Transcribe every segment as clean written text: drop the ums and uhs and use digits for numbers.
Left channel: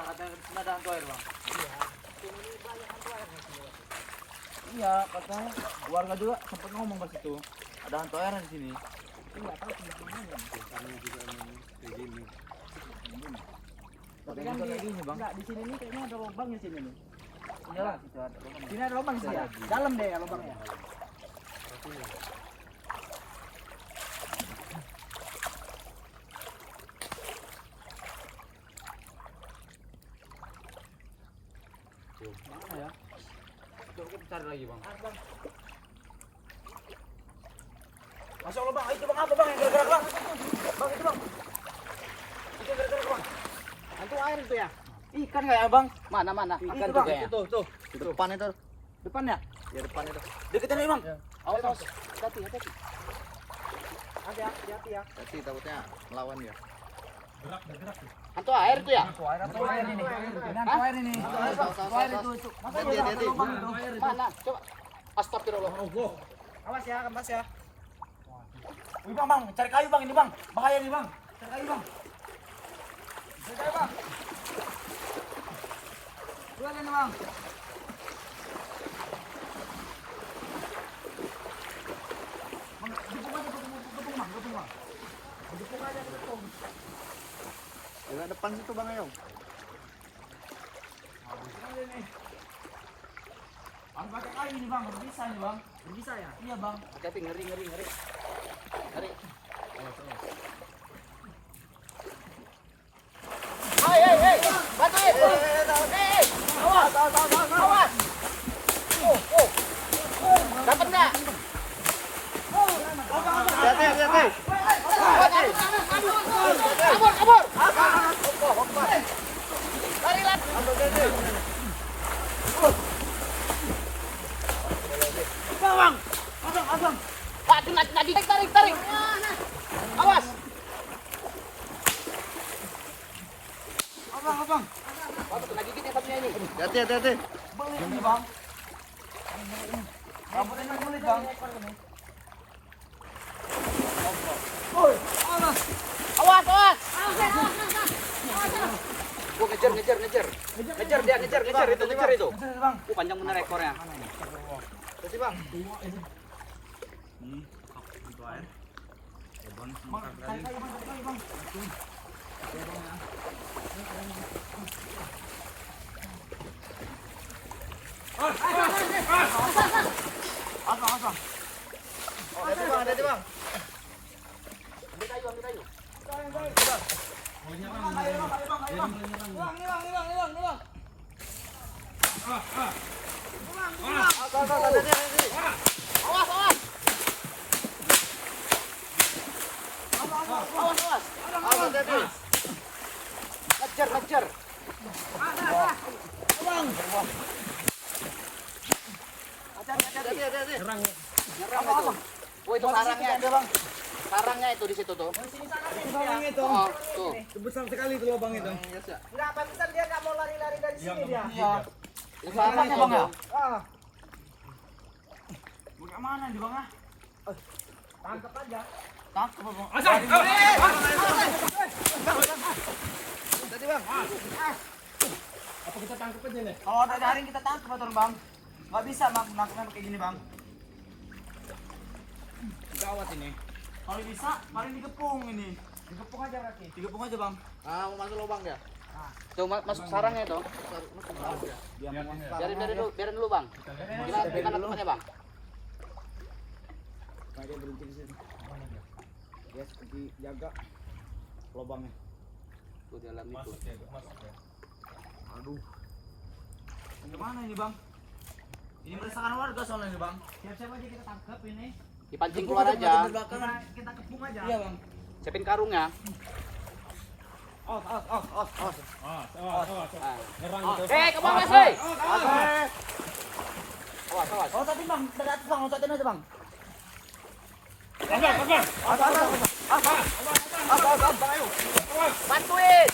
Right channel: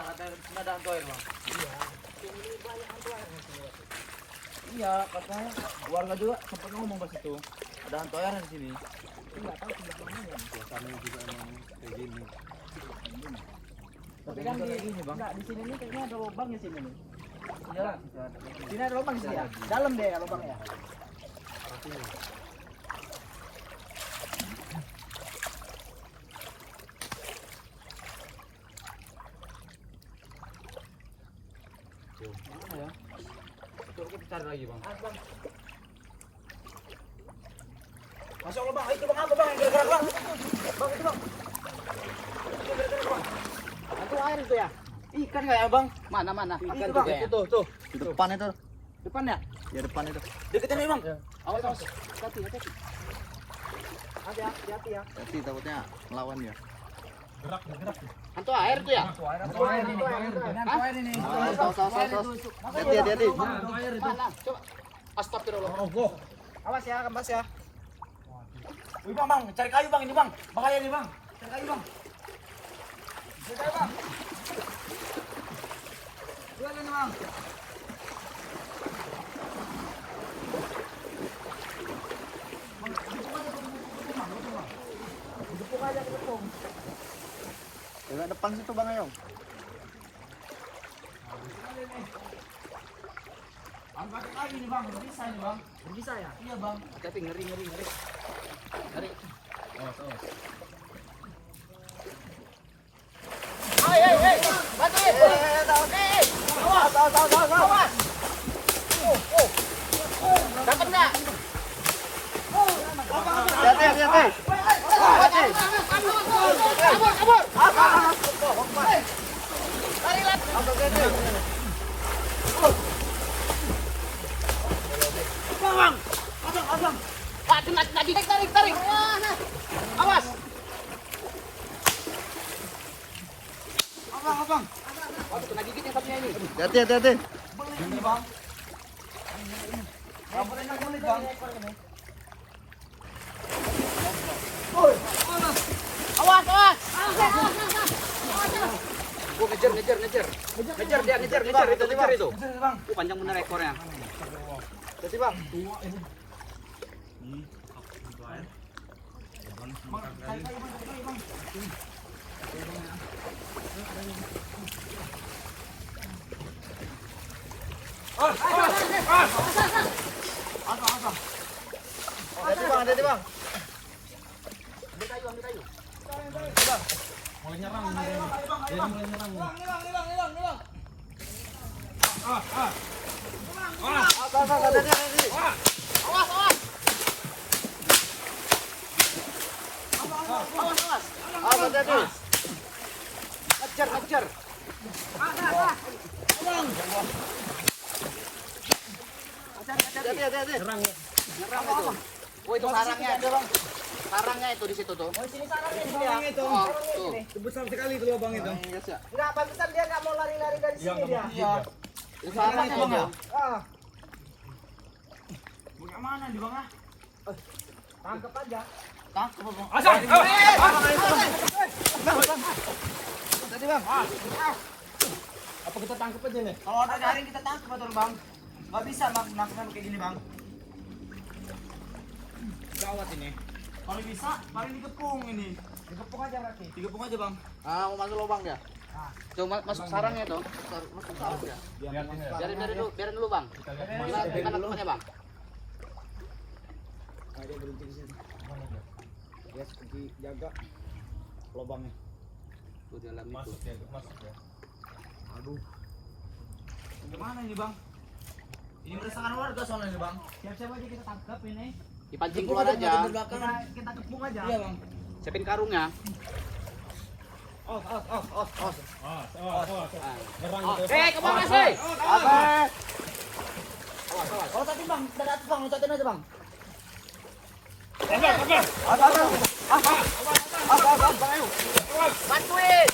ada hantu air bang. Iya. Ini banyak hantu air di sini. Iya, katanya warga juga sempat ngomong pas itu ada hantu air di sini. Tapi nggak tahu sebelah mananya. Suasananya juga emang kayak gini. Tapi kan di sini bang. enggak di sini nih kayaknya ada lubang di sini nih. Iya bang. Sini ada lubang di sini ya. Dalam deh ya lubangnya. Mana ya? Coba kita cari lagi bang. Bang. Masuk lubang. Itu bang apa bang? Yang gerak bang. Bang itu bang. Itu gerak bang. Hantu air itu ya. Ikan nggak ya bang? Mana? Ikan Ikan tuh bang. ya. Tuh. Di depan itu. Depan ya? Di depan itu. Deketin aja bang. Oh, bang. Hati. Hati ya. Nanti takutnya melawannya. Hantu air itu ya? Hantu air ini. Hantu air ini. Hantu air bang. Hantu air itu. Makanya Dia, bang. dia, dia. Lubang itu. Mana? Coba. Astagfirullah. Awas ya, kembas ya. Wih bang, cari kayu bang ini bang. Bahaya nih bang. Cari kayu bang. Cari kayu bang. Dua ini bang. Gepuk aja ke tepung. Yang depan situ bang ya. Harus pakai kayu ini bang, berbisa ini bang. Berbisa ya? Iya bang. Tapi ngeri. Ngeri. Awas. Hei. Hati. Dapat enggak? Abang. Tarik. Awas. Abang. Kena gigit yang satunya ini. Hati. Bang ini bang. Rambutnya nggak kulit bang. Oi. Awas. Oh, ngejar itu. Kejar, bang. Panjang bener ekornya. Kasih bang. Ini. Bang. Ngejar. Serang ya. Oh, itu sarangnya itu di situ tuh. Sini sarangnya itu. Oh, tuh. Besar sekali itu lubangnya kan. Enggak, pantesan dia enggak mau lari-lari dari sini dia. Iya. Itu sarangnya bang ya. Bukan mana di bang ah? Tangkap aja. Tangkap bang. Apa kita tangkap aja nih? Kalau ada jaring kita tangkap betul bang. Nggak bisa nangkapnya kayak gini bang. Gawat ini. Kalau bisa, paling digepung ini. Digepung aja kaki. Digepung aja bang. Ah, mau masuk lubang ya? Tuh masuk sarangnya tuh. Biarin dulu bang. Kita tangkap aja bang. Dia berhenti di sini. Ya, seperti jaga lubangnya. Tuh dalam itu. Masuk ya. Aduh. Gimana ini bang? Ini meresahkan warga soalnya ini bang. Siap-siap aja kita tangkap ini. Dipancing keluar aja. Kita kepung aja. Iya bang. Siapin karungnya. Os. Serang Oh, itu. kemana sih? Oh tadi bang, dari atas bang, loncatin aja bang. Bantuin.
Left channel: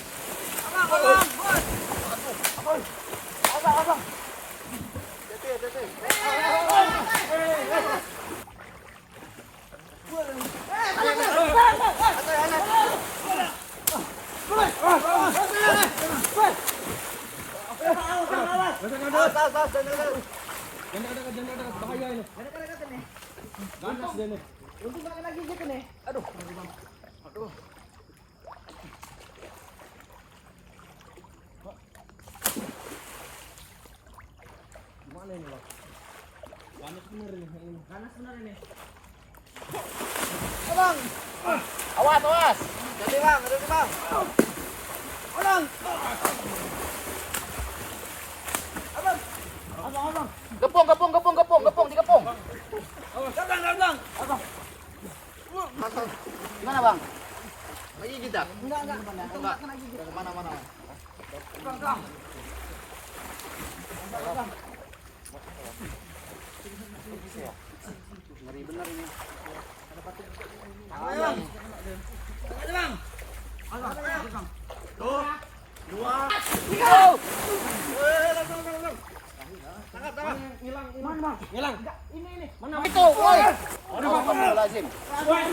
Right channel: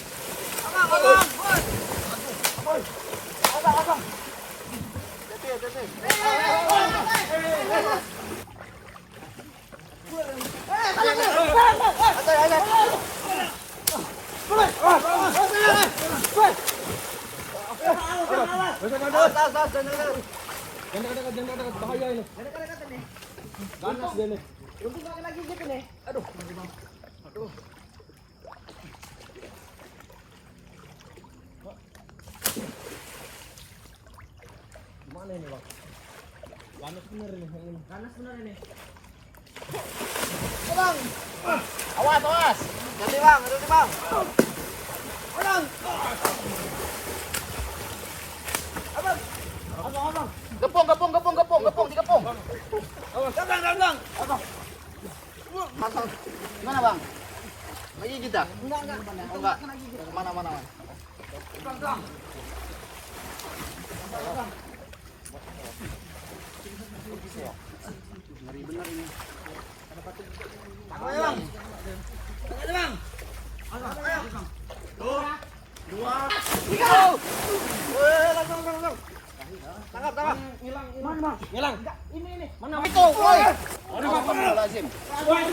Abang. Jangan dekat, bahaya ini. Dekat-dekat nih. Ganas dia nih. Untung gak kena gigit nih. Aduh. Aduh. Gimana ini, Bang? Ganas bener ini yang ini. Ganas bener ini. Awas, awas. Ini bang. Abang. Abang. Gepung, digepung. Abang. Abang. Gimana bang? Ini tidak. Enggak. Itu enggak kena gigit. Mana? Bang. Tangan bang. Tangan bang. Tuh. 2, 3. Langsung. Tangkap. Hilang. Mana bang? Ngilang. Ini. Mana Itu. Aduh, bang. Lazim. Bang.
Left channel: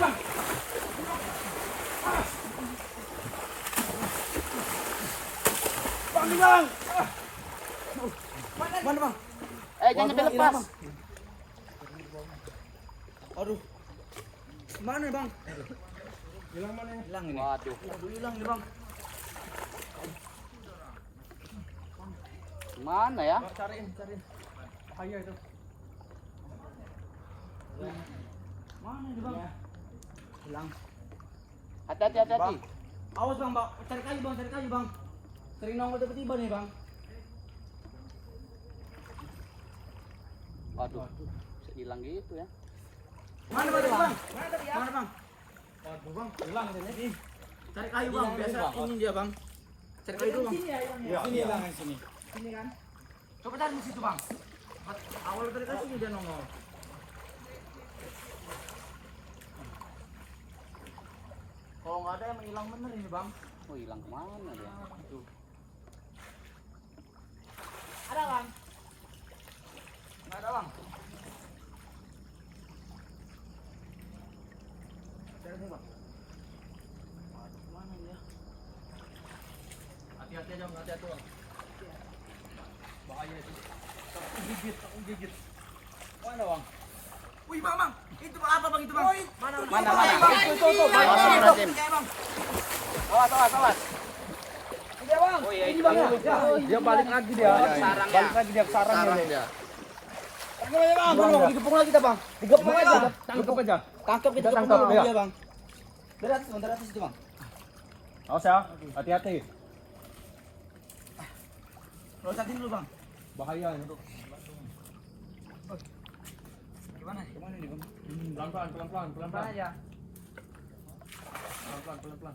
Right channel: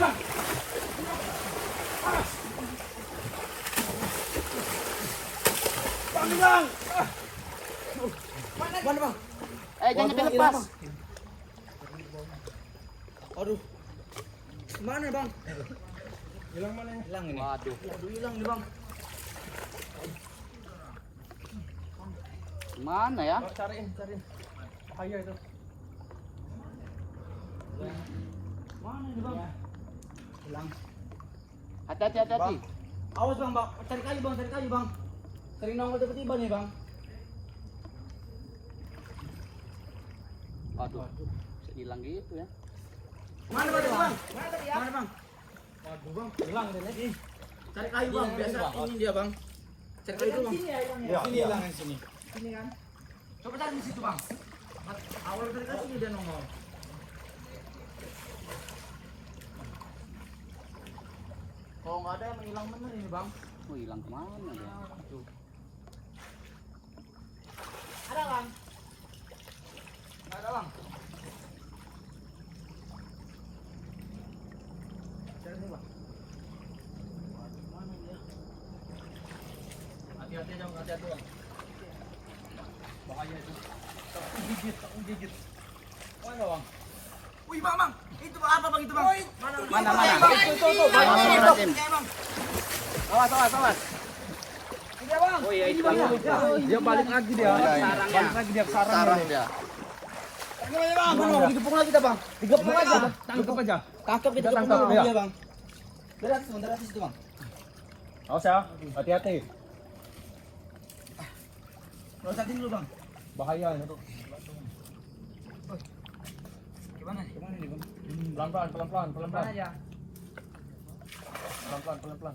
Bang. Mana bang? Jangan Bang, hilang, lepas. Bang. Aduh. Mana bang? Hilang mana ini? Hilang ini. Waduh. Hilang nih bang. Mana ya? Oh, cariin. Bahaya itu. Mana nih bang? Hilang. Hati-hati. Awas bang. Cari kayu bang. Sering nongol tiba-tiba nih bang. Waduh. Bisa hilang gitu ya. Mana bang? Mana tadi ya? Mana bang? Waduh, Bang. Hilang dia nih. Cari kayu bang. Biasa ini dia bang. Cari kayu dulu. Sini ya hilangnya. Iya, ini hilang yang sini. Sini kan. Coba cari di situ bang. Awal dari sini dia nongol. Kalau nggak ada yang hilang bener ini bang. Hilang kemana ya? Ada bang? Nggak ada bang. Cari nih bang. Waduh, mana dia? Hati-hati aja, hati-hati, Bang. Bahaya itu. Takut gigit. Mana bang? Wih bang. Itu apa bang itu bang? Mana? Mana? Itu. Bang. Lazim. Bang. Awas. Iya bang. Oh iya, itu. Dia balik lagi dia. Balik lagi dia ke sarangnya. Sarang dia. Bang, digepung lagi dah bang. Digepung aja. Tangkap aja. Tangkap itu Tangkap, tangkap iya. iya bang. Berat itu bang. Awas ya. Hati-hati. Losatin dulu bang. Bahaya ini. Gimana nih bang? Pelan-pelan. Mana aja? Pelan-pelan.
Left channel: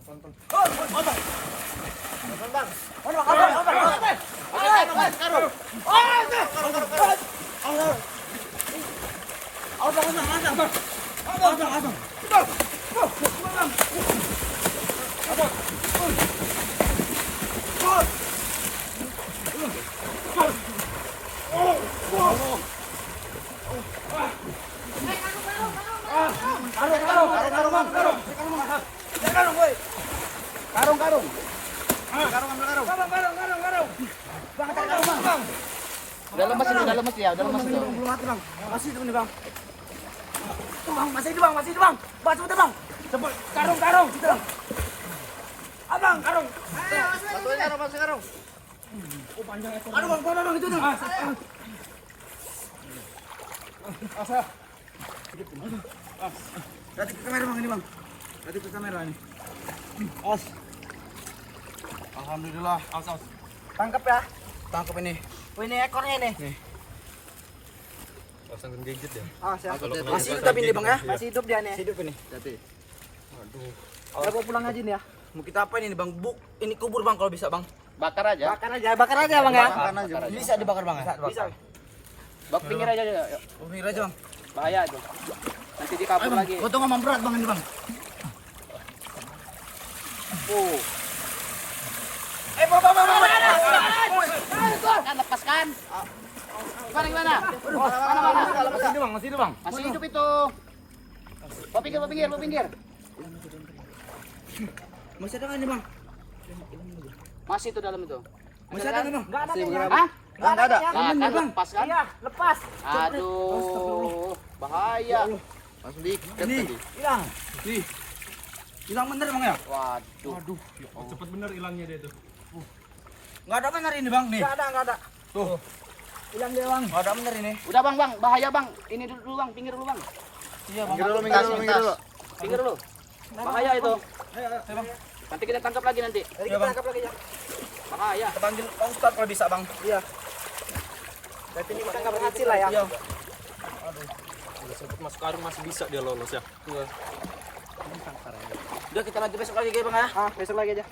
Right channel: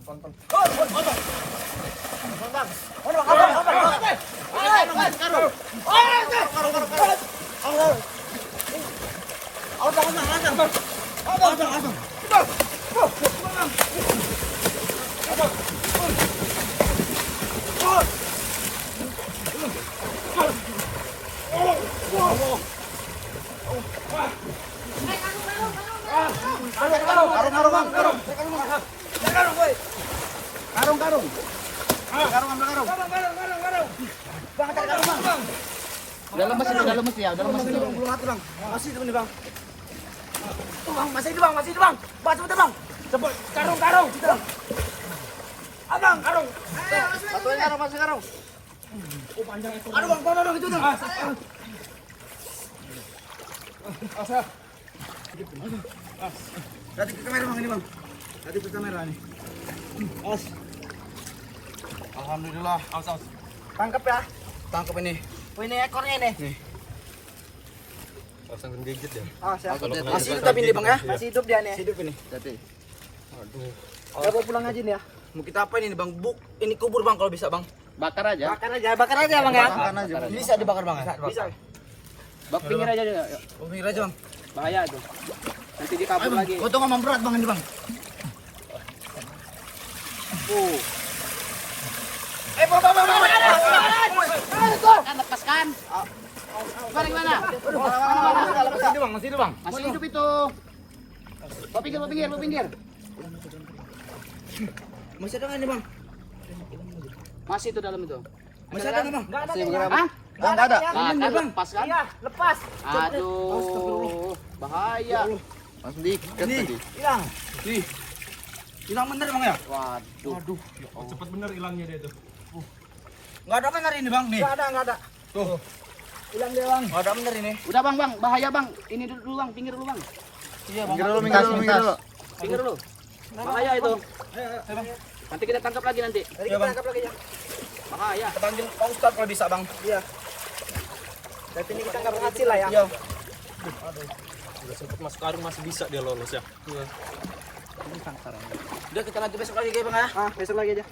Udah lemes ya. Belum mati bang. Masih itu nih bang. Tuh bang, masih itu bang. Bang, cepet bang. Cepet, karung. Gitu bang. Abang, karung. Masih karung. Oh, panjang itu. Aduh bang, itu tuh. Asa. Lihat ke kamera bang ini bang. Lihat ke kamera ini. Os. Alhamdulillah. Awas. Tangkap ya. Tangkap ini. Oh ini ekornya ini. Nih. Pasang gigit ya. Ya. Kalau kena Masih hidup gigitan tapi ini bang ya. gigit, Masih hidup dia nih. Hidup ini. Aduh. Ya bawa pulang aja nih ya. Mau kita apa ini bang? Ini kubur bang kalau bisa bang. Bakar aja. Bakar aja bang ya. Bakar aja. Bisa dibakar bang ya? Bisa. Bak pinggir aja dia. Oh pinggir aja bang. Bahaya aja. Nanti dia Ayo kabur bang, lagi. potong sama berat bang ini bang. Bang. Kan lepaskan. Mana? Masih hidup, Bang. Masih hidup itu. Mau pinggir. Masih ada nggak nih bang? Masih itu dalam itu. Masih ada nggak bang? Enggak ada kayaknya. Hah? Enggak ada kayaknya. Yang bener bang. Lepas kan? Iya, lepas. Aduh. Astagfirullah. Bahaya. Ini Hilang. nih hilang bener bang ya? Waduh. Waduh. Cepet bener hilangnya dia tuh. Nggak ada bener ini bang nih. Enggak ada. Tuh. Hilang dia, Bang. Nggak ada bener ini. Udah bang, bahaya bang. Ini dulu bang, pinggir dulu bang. Iya bang. Mintas. Pinggir dulu. Bahaya itu. Ayo bang. Nanti kita tangkap lagi nanti. Iya bang. Tangkap lagi ya. Bahaya. Kita panggil Pak Ustadz kalau bisa bang. Iya. Berarti ini kita nggak berhasil lah ya. Iya. Udah sempet masuk karung masih bisa dia lolos ya. Udah kita lanjut besok lagi bang ya. Besok lagi aja.